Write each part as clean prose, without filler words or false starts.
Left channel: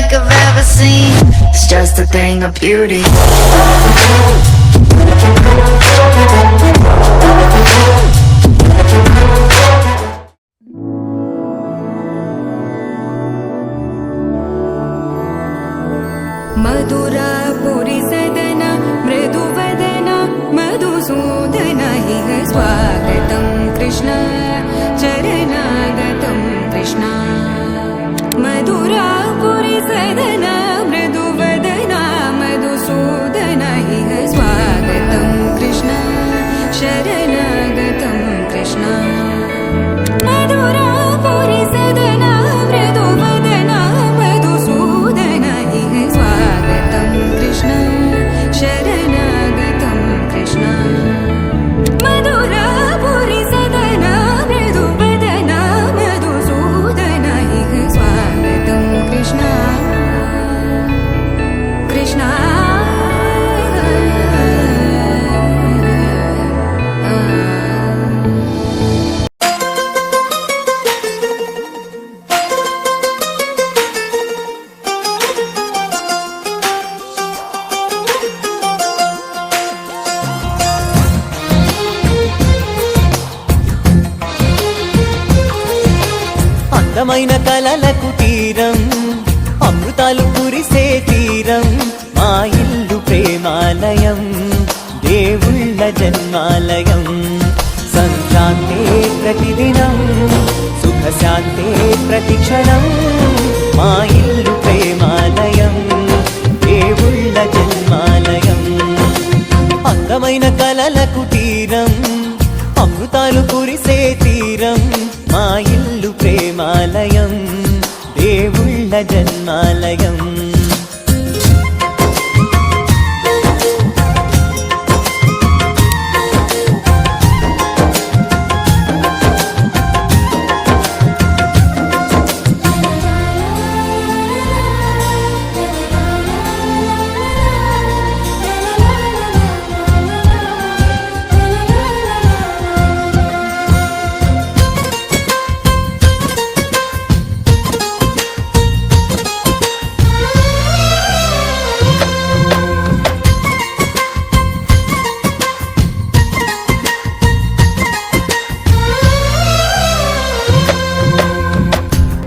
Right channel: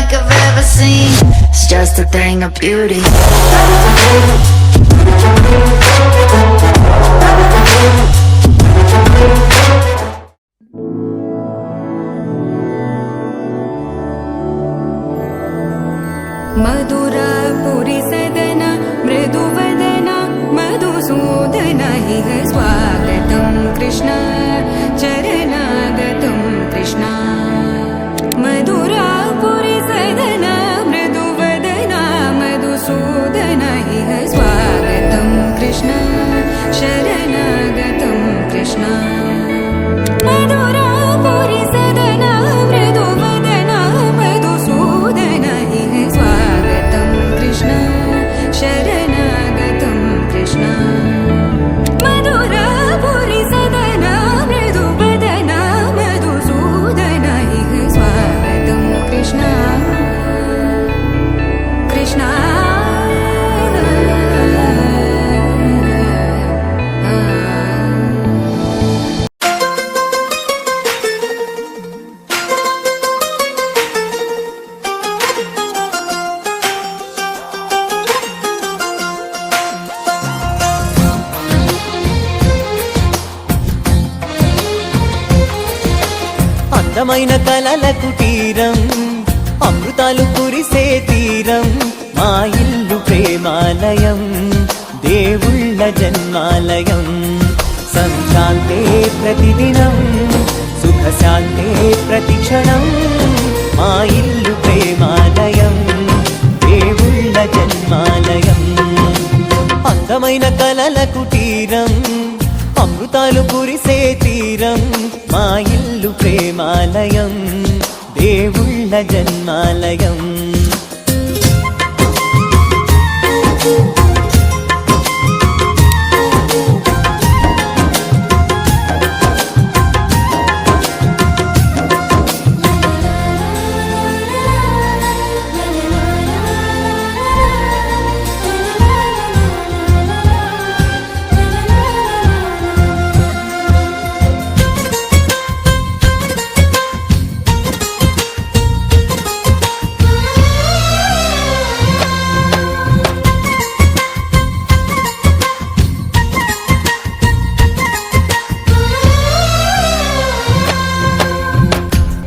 like I've ever seen. It's just a thing of beauty. मधुरापुरी सदन मृदुवदन मधुसूदन इह स्वागतं कृष्ण चरणागतं कृष्ण मधुरापुरी सदन मृदुवदन मधुसूदन इह स्वागतं कृष्ण शरणागतं कृष्ण मधुरापुरी सदन मृदुवदन मधुसूदन इह स्वागतं कृष्ण शरणागतं कृष्ण मधुरापुरी सदन मृदुवदन मधुसूदन इह स्वागतं कृष्ण कृष्ण అందమైన కలల కుటీరం అమృతాలు కురిసే తీరం మా ఇల్లు ప్రేమాలయం దేవుళ్ళ జన్మాలయం సంక్రాంతే ప్రతిదినం సుఖశాంతే ప్రతిక్షణం మా ఇల్లు ప్రేమాలయం దేవుళ్ళ జన్మాలయం అందమైన కలల కుటీరం అమృతాలు కురిసే తీరం మా ఇల్లు ప్రేమాలయం దేవుళ్ళ జన్మాలయం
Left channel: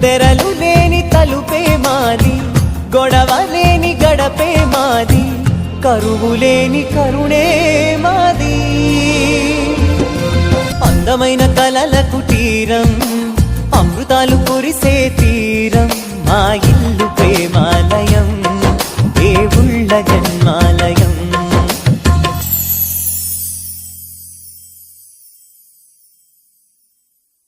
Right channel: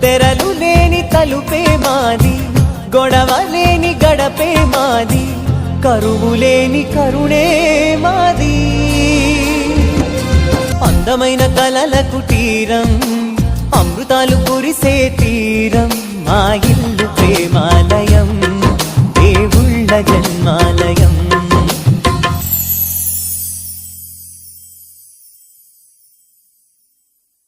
తెరలు లేని తలుపే మాది గొడవ లేని గడపే మాది కరువు లేని కరుణే మాది అందమైన కలల కుటీరం అమృతాలు కురిసే తీరం మా ఇల్లు ప్రేమాలయం దేవుళ్ళ జన్మాలయం